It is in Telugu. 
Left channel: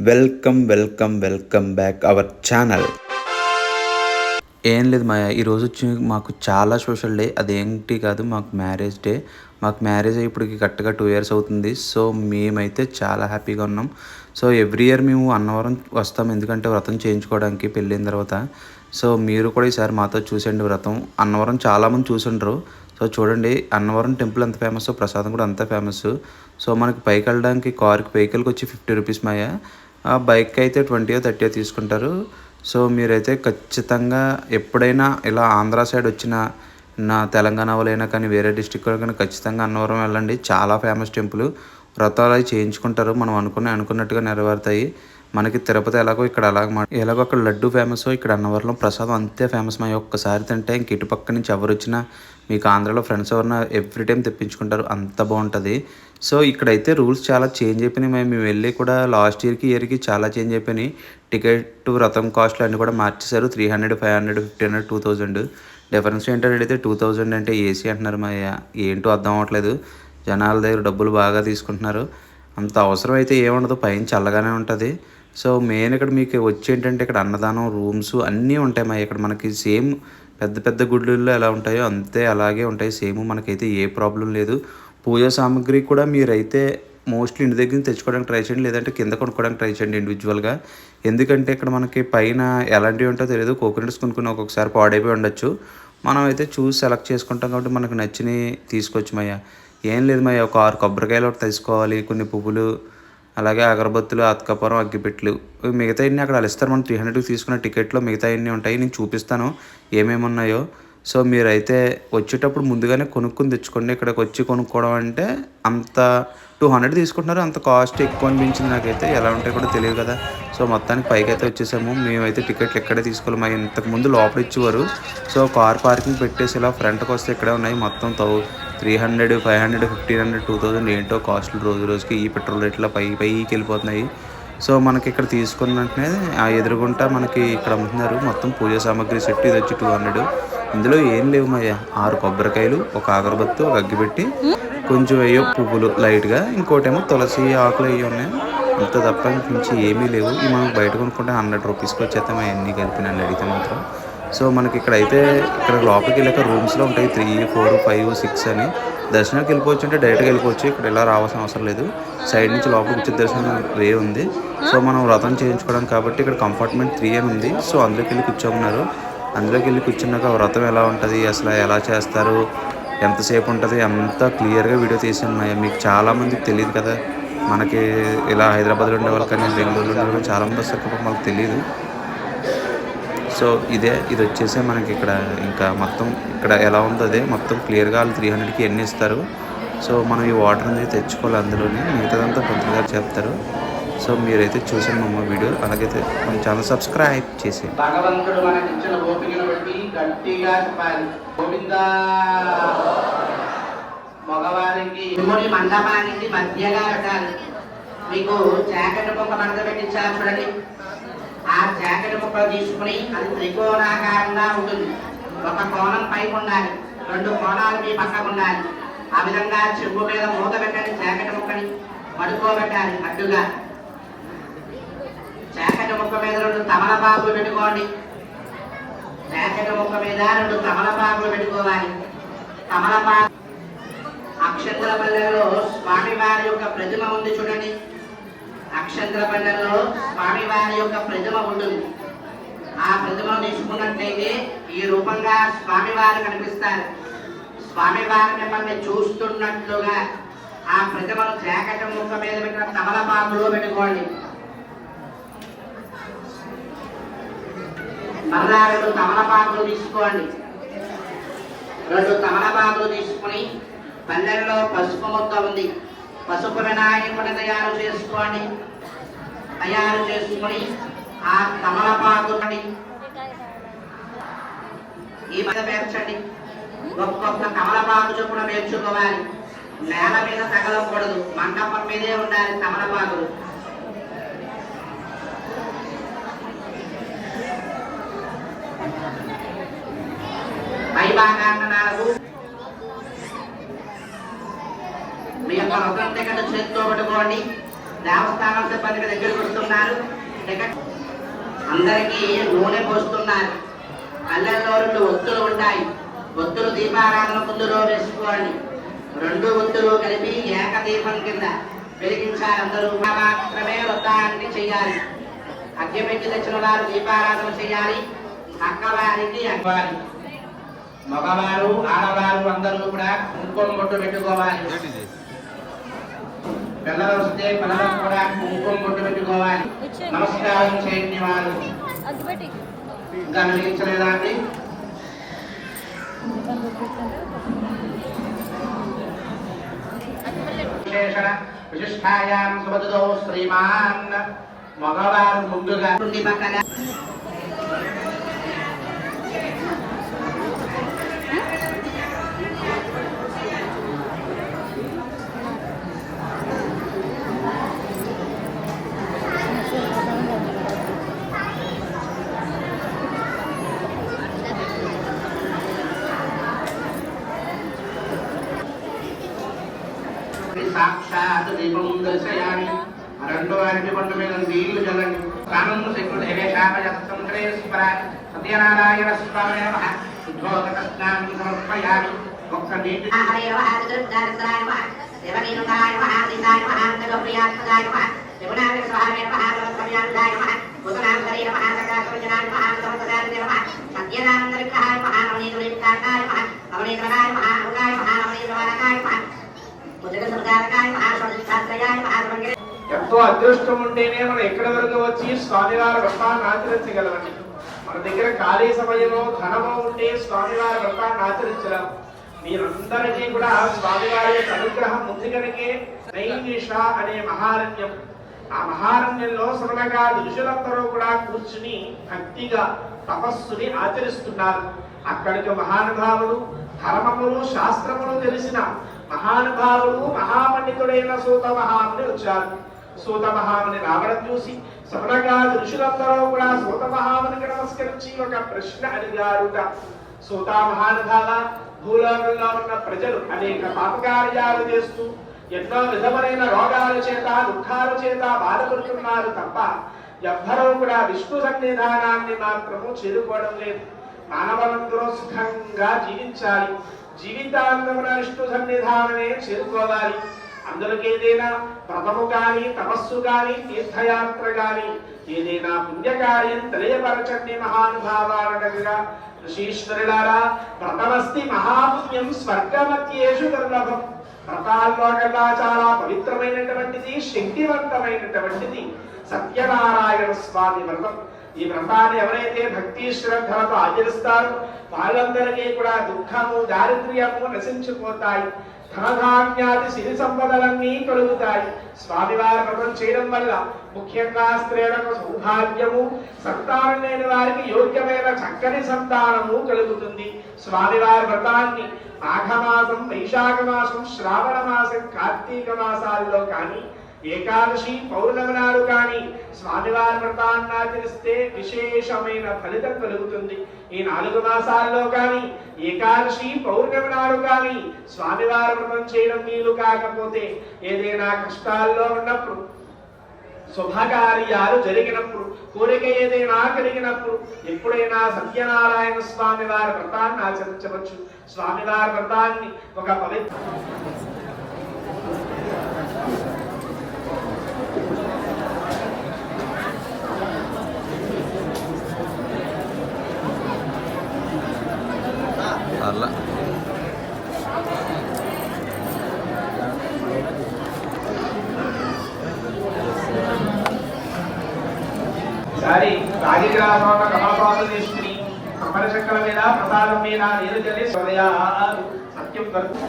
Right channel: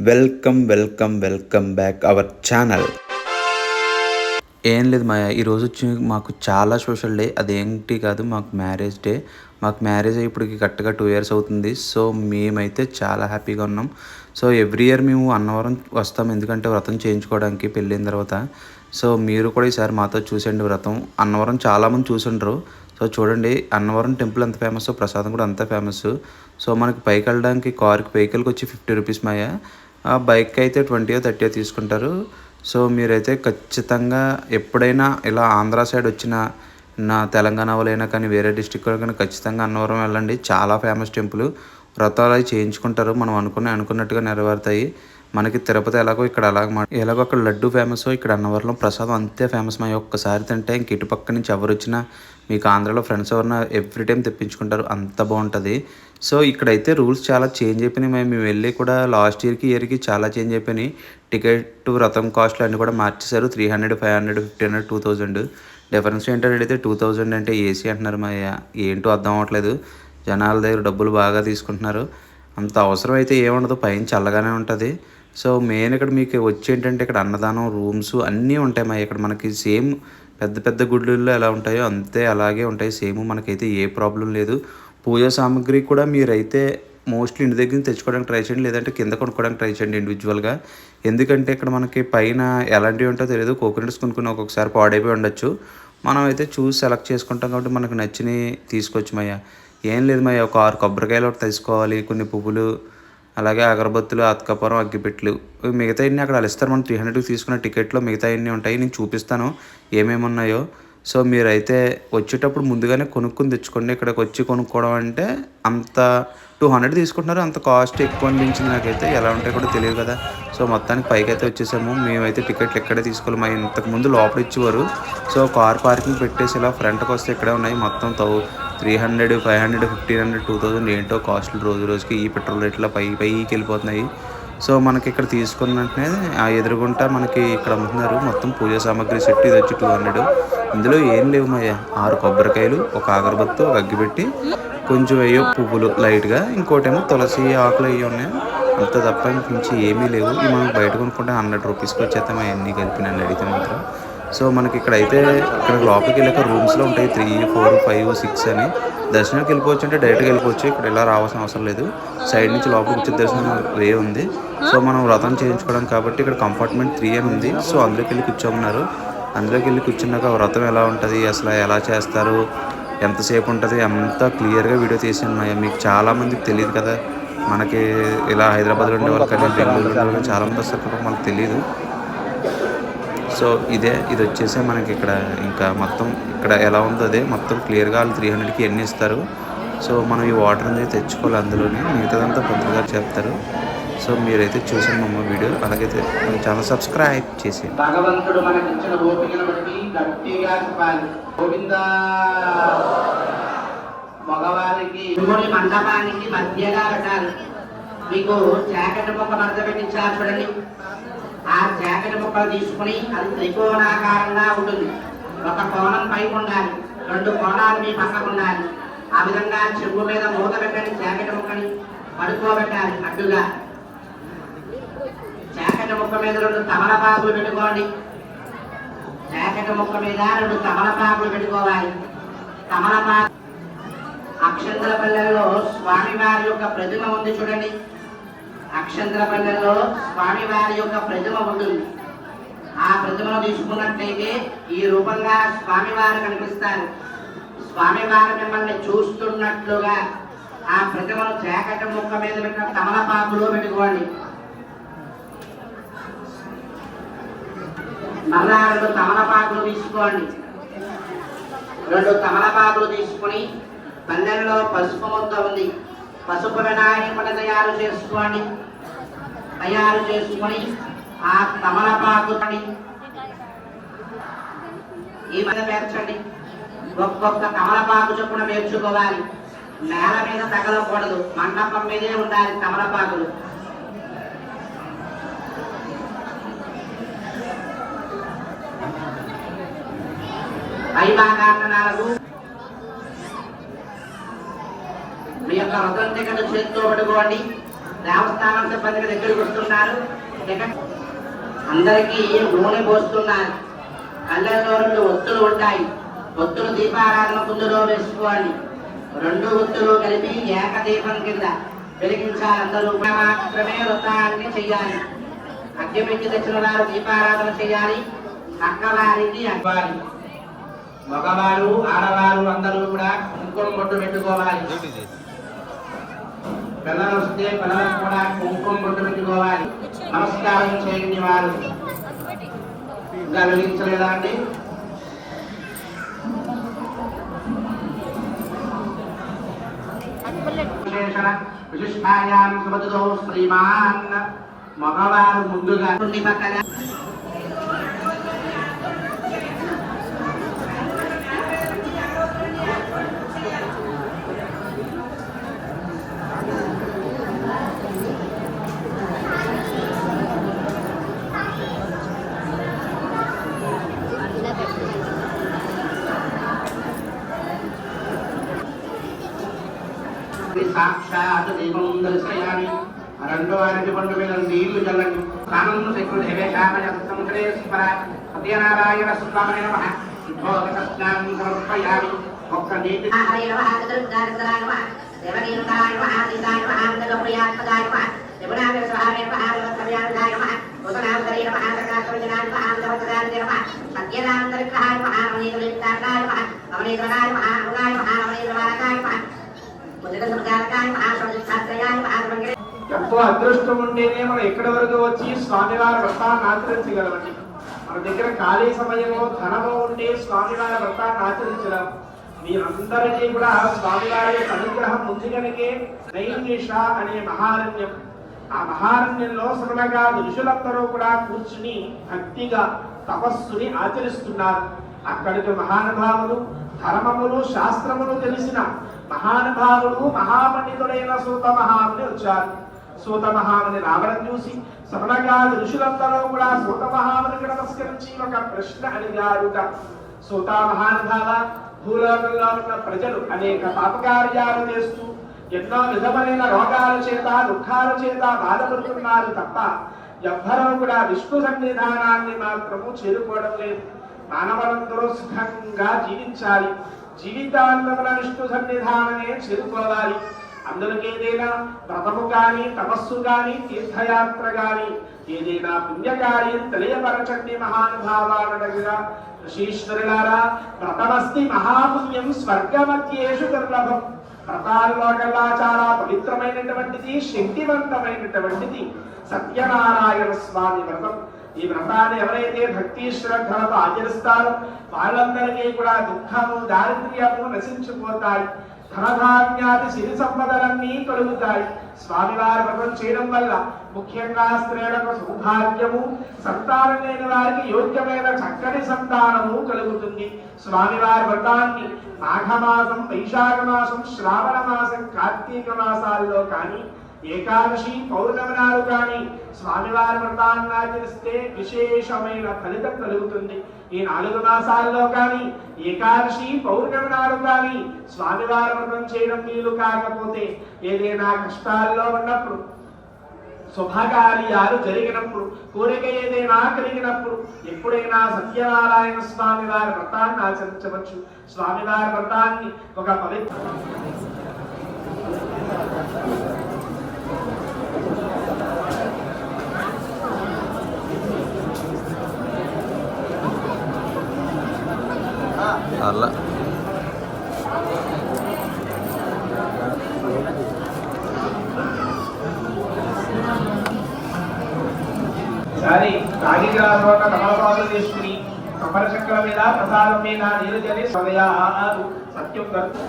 Welcome welcome welcome back our channel. ఏం లేదు మాయ ఈరోజు వచ్చి మాకు చాలా సోషల్ డే. అదేంటి కాదు మాకు మ్యారేజ్ డే. మాకు మ్యారేజ్ అయ్యి ఇప్పటికి కరెక్ట్గా టూ ఇయర్స్ అవుతుంది. సో మేమైతే చాలా హ్యాపీగా ఉన్నాం. సో ఎవ్రీ ఇయర్ మేము అన్నవరం వస్తాం. ఎందుకంటే వ్రతం చేయించుకోవడానికి పెళ్ళైన తర్వాత. సో మీరు కూడా ఈసారి మాతో చూసండి వ్రతం. అన్నవరం చాలామంది చూసుండ్రు. సో చూడండి అన్నవరం టెంపుల్ ఎంత ఫేమస్? ప్రసాదం కూడా అంత ఫేమస్. సో మనకి పైకి వెళ్ళడానికి కార్కి వెహికల్కి వచ్చి ఫిఫ్టీ రూపీస్ మాయ. ఆ బైక్ అయితే ట్వంటీయో థర్టీయో తీసుకుంటారు. సో మీరైతే ఖచ్చితంగా ఎప్పుడైనా ఇలా ఆంధ్ర సైడ్ వచ్చిన నా తెలంగాణ వాళ్ళైనా కానీ వేరే డిస్టిక్ కానీ ఖచ్చితంగా అన్నవరం వెళ్ళండి. చాలా ఫేమస్ టెంపుల్. వ్రతాలు అవి చేయించుకుంటారు. మనం అనుకున్న అనుకున్నట్టుగా నెరవేరుతాయి. మనకి తిరుపతి ఎలాగో ఇక్కడ అలాగ ఎలాగో అక్కడ లడ్డు ఫేమస్ ఇక్కడ అన్నవరంలో ప్రసాదం అంతే ఫేమస్ మా ఒక్కసారి తింటే ఇంక ఇటుపక్క నుంచి ఎవరు వచ్చినా మీకు ఆంధ్రాలో ఫ్రెండ్స్ ఎవరన్నా ఎవ్రీ టైం తెప్పించుకుంటారు అంత బాగుంటుంది. సో ఇక్కడైతే రూల్స్ చాలా చేంజ్ అయిపోయినాయి. మేము వెళ్ళి కూడా లాస్ట్ ఇయర్కి ఇయర్కి చాలా చేంజ్ అయిపోయినాయి. టికెట్ రథం కాస్ట్లు అన్నీ కూడా మార్చేశారు. Three hundred five hundred fifty hundred two thousand difference ఏంటంటే అయితే టూ థౌజండ్ అంటే ఏసీ అంటున్నారు. మా ఏంటో అర్థం అవ్వట్లేదు. జనాల దగ్గర డబ్బులు బాగా తీసుకుంటున్నారు. అంత అవసరం అయితే ఏముండదు. పైన చల్లగానే ఉంటుంది. సో మెయిన్ ఇక్కడ మీకు వచ్చి ఏంటంటే ఇక్కడ అన్నదానం రూమ్స్ అన్నీ ఉంటాయి మా ఇక్కడ. మనకి సేమ్ పెద్ద పెద్ద గుడ్లలో ఎలా ఉంటాయో అంతే అలాగే ఉంటాయి. సేమ్ మనకైతే ఏ ప్రాబ్లం లేదు. పూజా సామాగ్రి కూడా మీరైతే మోస్ట్లీ ఇంటి దగ్గర నుంచి తెచ్చుకోవడానికి ట్రై చేయండి. లేదంటే కింద కొనుక్కోవడానికి ట్రై చేయండి ఇండివిజువల్గా ఎందుకంటే ఇక్కడ మనకి పైన ఎలాంటివి ఉంటాయో తెలియదు. కోకోనట్స్ కొనుక్కుని ఒక్కొక్కసారి పాడైపోయి ఉండొచ్చు. మనం అయితే చూసి సెలెక్ట్ చేసుకుంటాం కాబట్టి మనకు నచ్చినవి తీసుకోవచ్చు మయ్య ఏం లేదు మయ్య. ఒక ఆరు కొబ్బరికాయలు ఒకటి తీసుకోవాలి. కొన్ని పువ్వులు అలాగే అగరబత్తులు అతకపురం అగ్గిపెట్లు మిగతా అన్ని అక్కడ అలిస్తారు. మనం త్రీ హండ్రెడ్కి తీసుకున్న టికెట్లో మిగతా అన్నీ ఉంటాయి. నేను చూపిస్తాను ఏమేమి ఉన్నాయో. సో మీరైతే వచ్చేటప్పుడు ముందుగానే కొనుక్కొని తెచ్చుకోండి. ఇక్కడికి వచ్చి కొనుక్కోవడం అంటే అంత టూ హండ్రెడ్ తీసుకుంటున్నారు. అంత కాస్ట్ ఎక్కువ అనిపించింది నాకైతే. ఎలా ఉంటాయి కూడా తెలియదు కదా. సో మొత్తానికి పైకి అయితే వచ్చేసాము. మేమైతే టికెట్లు ఎక్కడే తీసుకోవాలి మా ఇంతకు ముందు లోపల ఇచ్చేవారు సో కార్ పార్కింగ్ పెట్టేసి ఇలా ఫ్రంట్కి వస్తే ఇక్కడే ఉన్నాయి. మొత్తం తౌ three hundred five hundred fifteen hundred two thousand ఏంటో కాస్ట్లు రోజు రోజుకి ఈ పెట్రోల్ రేట్లో పై పైకి వెళ్ళిపోతున్నాయి. సో మనకి ఇక్కడ తీసుకున్న వెంటనే ఆ ఎదురుగుంటా మనకి ఇక్కడ అమ్ముతున్నారు. మొత్తం పూజా సామాగ్రి సెట్ ఇది వచ్చి టూ హండ్రెడ్. ఇందులో ఏం లేవు మయ్య ఆరు కొబ్బరికాయలు ఒక అగరబత్తు ఒక అగ్గిపెట్టి కొంచెం అయ్యో పువ్వులు లైట్గా. ఇంకోటేమో తులసి ఆకులు అవి ఉన్నాయి. అంత తప్ప మించి ఏమీ లేవు. ఇవి మనం బయట కొనుక్కుంటే హండ్రెడ్ రూపీస్కి వచ్చేస్తాం అవన్నీ కలిపి నన్ను అడిగితే మాత్రం. సో మనకి ఇక్కడ అయితే ఇక్కడ లోపలికి వెళ్ళాక రూమ్స్లో ఉంటాయి త్రీ ఫోర్ ఫైవ్ సిక్స్ అని. దర్శనానికి వెళ్ళిపోవచ్చు అంటే డైరెక్ట్గా వెళ్ళిపోవచ్చు. ఇక్కడ ఇలా రావాల్సిన అవసరం లేదు. సైడ్ నుంచి లోపలికి వచ్చే దర్శనం వే ఉంది. సో మనం వ్రతం చేయించుకోవడం కాబట్టి ఇక్కడ కంపార్ట్మెంట్ త్రీ అని ఉంది. సో అందులోకి వెళ్ళి కూర్చోమన్నారు. అందులోకి వెళ్ళి కూర్చున్నాక వ్రతం ఎలా ఉంటుంది? అసలు ఎలా చేస్తారు? ఎంతసేపు ఉంటుంది? అంతా క్లియర్గా వీడియో తీసి ఉన్నాయి మీకు చాలామందికి తెలియదు కదా. మనకి ఇలా హైదరాబాద్లో ఉండేవాళ్ళు కానీ బెంగళూరులో ఉండేవాళ్ళు చాలామంది వస్తారు. కాబట్టి మనకు తెలియదు. సో ఇదే ఇది వచ్చేసి మనకి ఇక్కడ ఇంకా మొత్తం ఇక్కడ ఎలా ఉందో అదే మొత్తం క్లియర్గా వాళ్ళు త్రీ హండ్రెడ్కి ఎన్ని ఇస్తారు. సో మనం ఈ వాటర్ అనేది తెచ్చుకోవాలి అందులోనే మిగతాదంతా పంతులు గారు చెప్తారు. సో మీరైతే చూసాను మమ్మ వీడియో. అలాగైతే మన ఛానల్ సబ్స్క్రైబ్ చేసి భగవంతుడు మనకి ఓపికను బట్టి గట్టిగా గోవిందా! మగవారికి ఇరుముడి మండపానికి మధ్యగా పెట్టాలి మీకు చాకటి ఒక మధ్య పెట్టించారు చూడండి. ఆ జాకెట్ ముక్క తీసుకుని అది త్రికోణాకారంగా ఉంటుంది. ఒక కోణం పై ఉండాలి. రెండు కోణాలు మీ పక్కకు ఉండాలి. ఆ విధంగా చెవు మీద మూత పెట్టని జాకెట్ ముక్కని పడుకోబెట్టాలి అడ్డుగా. జాకెట్ ముక్క మీద రెండు తమలపాకులు పెట్టుకోండి. జాకెట్ ముక్క మీద రెండు తమలపాకులు పెట్టుకోవాలి. తమలపాకు అక్షంతల పల్లెల్లో స్వామివారి యొక్క ప్రతిమ ఉంది చూడండి. అక్షంతల పల్లెల్లో స్వామివారి యొక్క ప్రతిమ ఉంటుంది. ఆ ప్రతిమను తీసుకున్నట్లయితే ఈ రూపంగా స్వామివారు కనిపిస్తారు. స్వామివారు మిమ్మల్ని చూస్తున్నట్లుగా ఆ ప్రతిమను జాకెట్ ముక్క మీద పెట్టిన తమలపాకులో పెట్టుకోండి. మరలా రెండు తమలపాకులు తీసుకోండి. రెండు తమలపాకులు తీసుకుని పల్లెల్లో పసుపు ముద్ద ఉంది. పసుపు వినాయకుడు తయారు చేసుకోండి తయారు చేసుకుని ఆ తమలపాకుని ఈ మీద పేర్చండి. ఒక్కొక్క తమలపాకు చొప్పున పేర్చుకోవాలి నేల మీద తగలకూడదు. మండపం మీదే ఉండాలి తమలపాకులు పై నాలుగు మీ యొక్క వ్రతం టికెట్ చేతితో పట్టుకోండి దేవస్థానం సిబ్బంది దగ్గరికి వస్తున్నారు టికెట్ అందరికీ నూనె పోస్తున్నారు. కళ్ళల్లో రెండు ఒత్తులు ఉంటాయి. ఒత్తులు దీపారాధన ముందులో వేసుకోండి. రెండు ఒత్తులు కలిపి ఏకదీపం కింద వెలిగించాలి. అందరూ మాత్రమే వృత్తాన్ని చేయాలి. అగ్గిపెట్టి తెచ్చిన వారు దీపారాధన చేయాలి. అక్కవారికి అక్కవారి మగవారు ఆడవారు అందరూ కూడా కుంకుమ బొట్టు పెట్టుకోవాలి. పిల్లలు వస్తే పిల్లలకు కూడా కుంకుమ బొట్టు పెట్టుకోవాలి. నమస్కారం చేయండి వారు. వెలిగించలేదా అండి? విశిష్టాయాం సుమతితో శ్రీమాన్. మగవారు ముందుగా ఉండి సాక్షాత్ దీపం దర్శయాన్ని రెండో అరటి పండు మీద నీళ్ళు చల్లండి. కానం సత్యనారాయణ స్వామి నమ. సమర్పయామి. ఒక్క నీటి సత్యనాంతరికాయ ఎంతో అదృష్టం ఉంటేనే మనం ఎక్కడి వరకు వచ్చి స్వామివారి వ్రతాన్ని ఆచరించగలమండి మన దగ్గర ఖాళీ సమయంలో ధనము ఉంటే స్వామివారి వ్రతాన్ని ఆచరించగలం. మీరందరికీ కూడా స్వామివారి యొక్క అనుగ్రహం ఉంది కనుకే నైమిష అనే మహారణ్యం. ఆ మహారణ్యంలో సరళగా ఋషులందరూ కూడా కూర్చుని భక్తిగా తపస్సుని ఆచరిస్తున్నారు. అక్కడికి మహానుభావులు ధర్మములు శాస్త్రములు తెలిసిన మహానుభావులు మహాపండితుడైన సూత మహాముని వచ్చారు. సూత మహాముని రావడం చూసి శ్రవణగా ఋషులందరూ కూడా సూత మహామునికి నమస్కరించి ఒక ప్రశ్న అడిగారుట. సూత మహానుభావ భూలోకంలో ఉన్న ప్రజలు అనేక పాపకార్యాలు చేస్తూ ఎన్నో విధమైన రోగాల చేత దుఃఖాల చేత బాధపడుతున్నారు తప్ప ఎవ్వరూ కూడా విష్ణు సన్నిధానాన్ని మాత్రము చేరుకోవడం లేదు. మానవులందరూ సుఖంగా జీవించాలి. జీవితాంతమున విష్ణు సన్నిధానమే చేరుకోవాలి. అందులోకి ఏదైనా వ్రతము కానీ తపస్సు కానీ తీర్థయాత్ర కానీ ఏదైనా పుణ్యకార్యం తెలియపరచండి మహానుభావాలనగా ఋషీశ్వరులారా వ్రతమస్తి మహాపుణ్యం స్వర్గమధ్యేషు దుర్లభం. వ్రతాల్లో కల్లా చాలా పవిత్రమైనటువంటిది శక్తివంతమైనటువంటిది. సత్యనారాయణ స్వామి వ్రతం ఈ వ్రతాన్ని ఎవరైతే భక్తి శ్రద్ధలతో ఆచరిస్తారో వాళ్ళందరికీ కూడా దుఃఖము దారిద్ర్యము నశించిపోతాయి. ధనధాన్యాది సిరి సంపదలన్నీ కలుగుతాయి స్వామివారి వ్రతం చేయడం వల్ల ముఖ్యంగా స్త్రీలకు సౌభాగ్యము సంతానం లేని వారికి యోగ్యమైన చక్కని సంతానము కలుగుతుంది. స్వామివారి వ్రతాన్ని మాఘమాసం వైశాఖ మాసం శ్రావణ మాసం కార్తీక మాసాల్లో కానీ ఏకాదశి పౌర్ణమినాలు కానీ స్వామివారి వ్రతాన్ని ఆచరిస్తే విశేషమైన ఫలితం కలుగుతుంది. ఈ నాలుగు మాసాల్లో కానీ ఏకాదశి పౌర్ణమి నాడు కానీ స్వామివారి వ్రతం చేయడం వీలు కాకపోతే ఏదైనా కష్టాల్లో ఉన్నప్పుడు శుభకార్యాలు జరిగినప్పుడు కోరిక ఏదైనా కలిగినప్పుడు ఎప్పుడైనా సత్యనారాయణ స్వామి వారి వ్రతాన్ని ఆచరించవచ్చు. స్వామివారి వ్రతాన్ని ఒక పవిత్ర అలా. ఈసారి రాగిగ్రామోట కమలపాలు తీసుకుని కమల చక్రం మీద ప్రసాదం మీద నీరు చల్లి సదయా సత్యం కలుపు.